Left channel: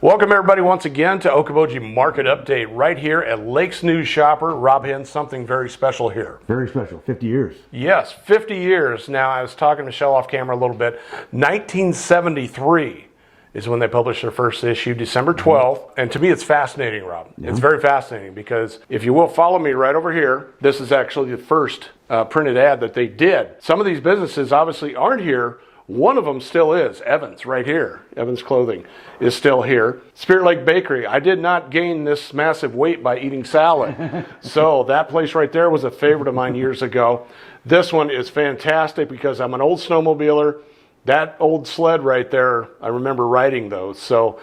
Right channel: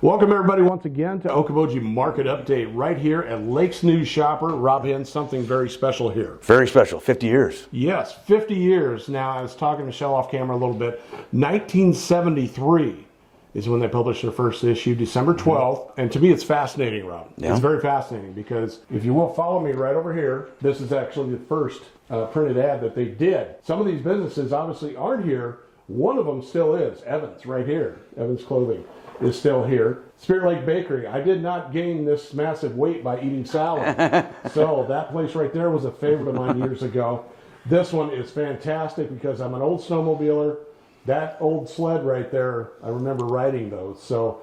Welcome everybody once again to Okoboji Market Update right here at Lakes News Shopper. Rob Hinn, something very special here. Very special, 50 years. Yes, 50 years. Now, I was talking to Michelle off camera a little bit. 1973 is when they published their first issue, December 12th. And to me, it's fascinating, Rob. Yeah. It's very fascinating because if you will follow me right over here, this is actually the first printed ad that they did. Some of these businesses obviously aren't here. One of them still is. Evans, right here. Evans Clothing is still here. Spirit Lake Bakery. I did not gain this massive weight by eating salad. So that place right there was a favorite of mine years ago. This one is fantastic because I'm an old snowmobiler. That old sled right there, I remember riding those. So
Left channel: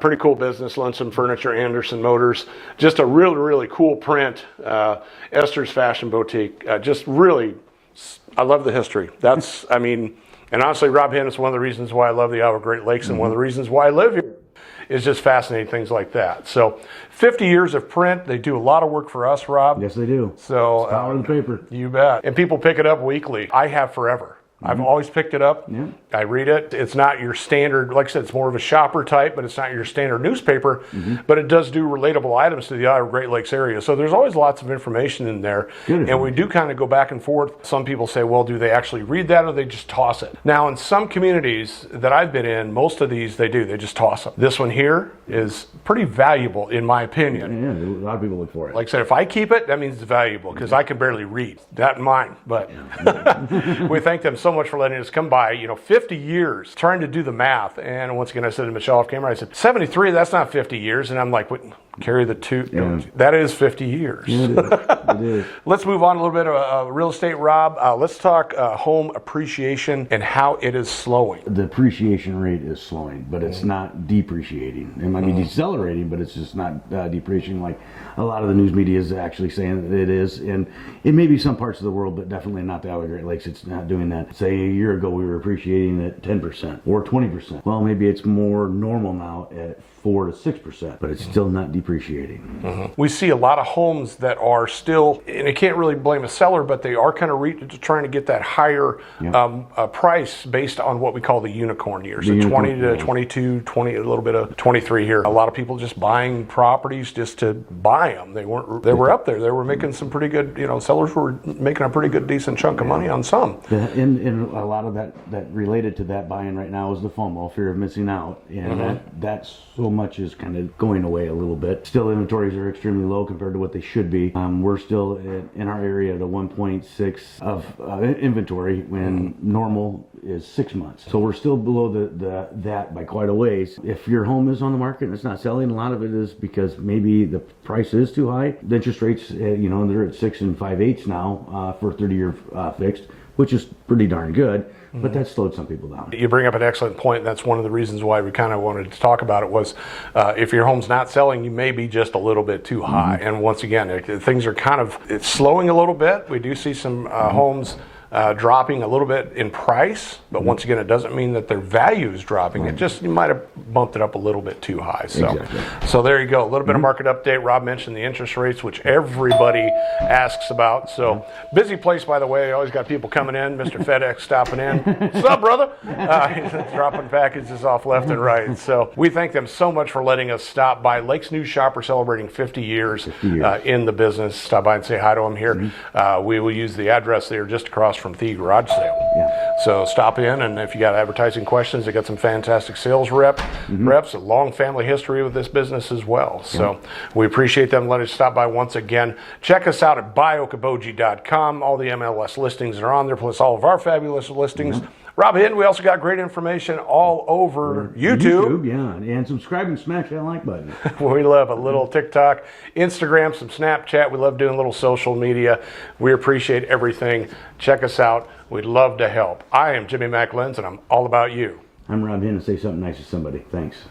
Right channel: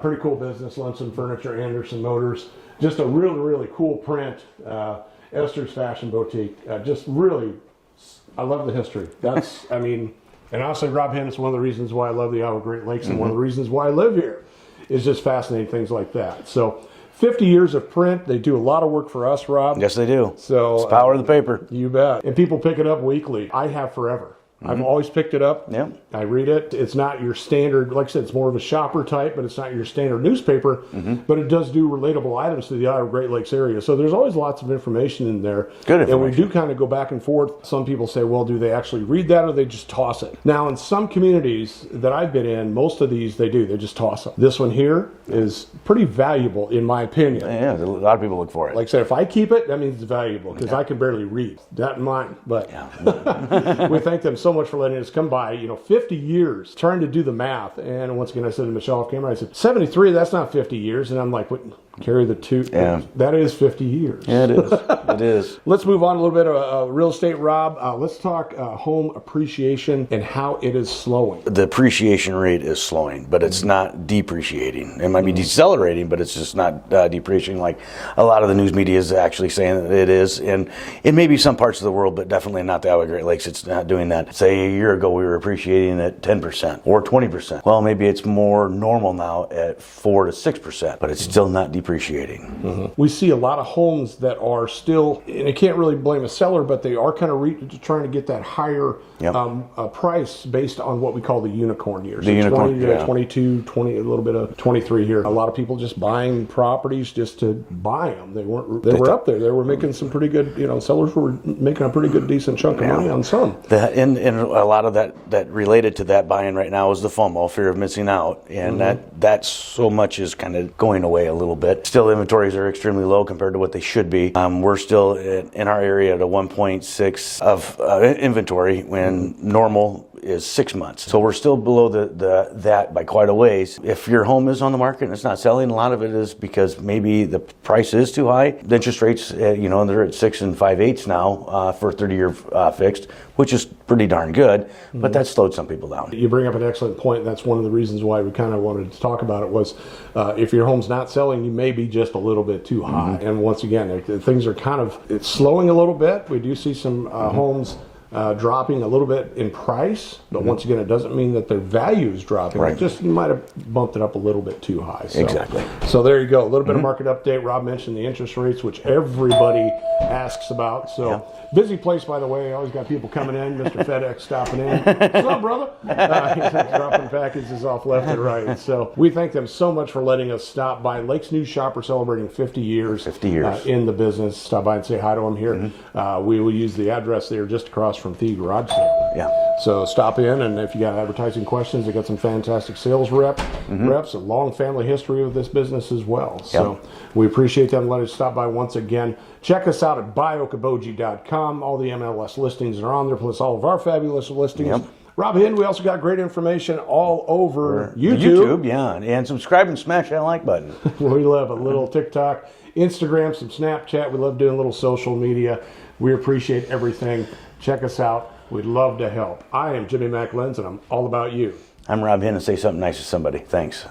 pretty cool business. Luncheon Furniture, Anderson Motors. Just a really, really cool print. Esther's Fashion Boutique. Just really, I love the history. That's, I mean, and honestly, Rob Hinn is one of the reasons why I love the Isle of Great Lakes, and one of the reasons why I live here is just fascinating things like that. So 50 years of print. They do a lot of work for us, Rob. Yes, they do. So it's power of the paper. You bet. And people pick it up weekly. I have forever. I've always picked it up. Yep. I read it. It's not your standard, like I said, it's more of a shopper type, but it's not your standard newspaper. But it does do relatable items to the Isle of Great Lakes area. So there's always lots of information in there. Good information. And we do kind of go back and forth. Some people say, well, do they actually read that or they just toss it? Now, in some communities that I've been in, most of these they do. They just toss them. This one here is pretty valuable, in my opinion. Yeah, a lot of people look for it. Like I said, if I keep it, that means it's valuable because I can barely read. That and mine. But we thank them so much for letting us come by, 50 years trying to do the math. And once again, I said to Michelle off camera, I said, 73, that's not 50 years. And I'm like, what? Carry the two. Yeah. That is 50 years. Yeah, it is. It is. Let's move on a little bit of real estate, Rob. Let's talk home appreciation and how it is slowing. The appreciation rate is slowing, but it's not depreciating. It might be decelerating, but it's just not depreciating like a lot of the news media is actually saying that it is. And it may be some parts of the world, but definitely not the Isle of Great Lakes. It's not doing that. Say a year ago, we were appreciating at 10% or 20%. Well, maybe it's more normal now at 4 to 6%, but it's still not depreciating. We see a lot of homes that are still, and I can't really blame a seller, but they are kind of trying to get that higher price based on what we call the unicorn years. So 20 to 22, 20, a little bit of 23 here. A lot of people just buying properties just to buy them. They were up there. They were making some pretty good, sellers were making a pretty good decent chunk of money on some. And a lot of that related to that buying right now is the FOMO, fear of missing out. And that so much is kind of going away a little bit. Still, inventories are extremely low compared to what they should be. We're still in our area at a 1.6 of inventory when normal is 6 months. So we're still below that by quite a ways. If your home is on the market and it's not selling, a lot of it is because maybe the price is too high. The interest rates, they're at 6 5/8 now for 30-year fixed, which is pretty darn good, but that slowed some people down. You bring up an excellent point. That's one of the reasons why we kind of wanted to talk about it was if your home's not selling, you may be just a little bit too high. And once again, things are it's slowing a little bit. We do see some homes dropping a little bit in price, but once again, it doesn't mean that their value is dropping. Right. You might have bumped it up a little bit too high. So, exactly. So there you go. A little bit of market update. Rob mentioned the interest rates, which everybody asks about. So busy place, by the way. Always got people coming in. Mr. FedEx stopping in. What's up, brother? Dropping packages off left and right. So we thank them so much for letting us stop by. Lakes News Shopper celebrating 50 years, in the business. Stop by and say hi to them here. We will use the address there just across from the garage sale. Yeah. So stop in, and if you got advertising questions, they got some fantastic sales reps, a long family history with this business as well. So we appreciate them letting us stop by once again. Check us out at buyokoboji.com. All the MLS listings are on there, plus all of our fabulous listings. Rob Hinn, we also got great information all over YouTube. And subscribe and smash that like button. We love a little TikTok, Instagram, some Snapchat. We love doing little social media. We appreciate everything. Check us out. We'd love to help. I am Jimmy McLenz, and I'm all about you. I'm Rob Hinn, and say something nice to somebody. Thanks.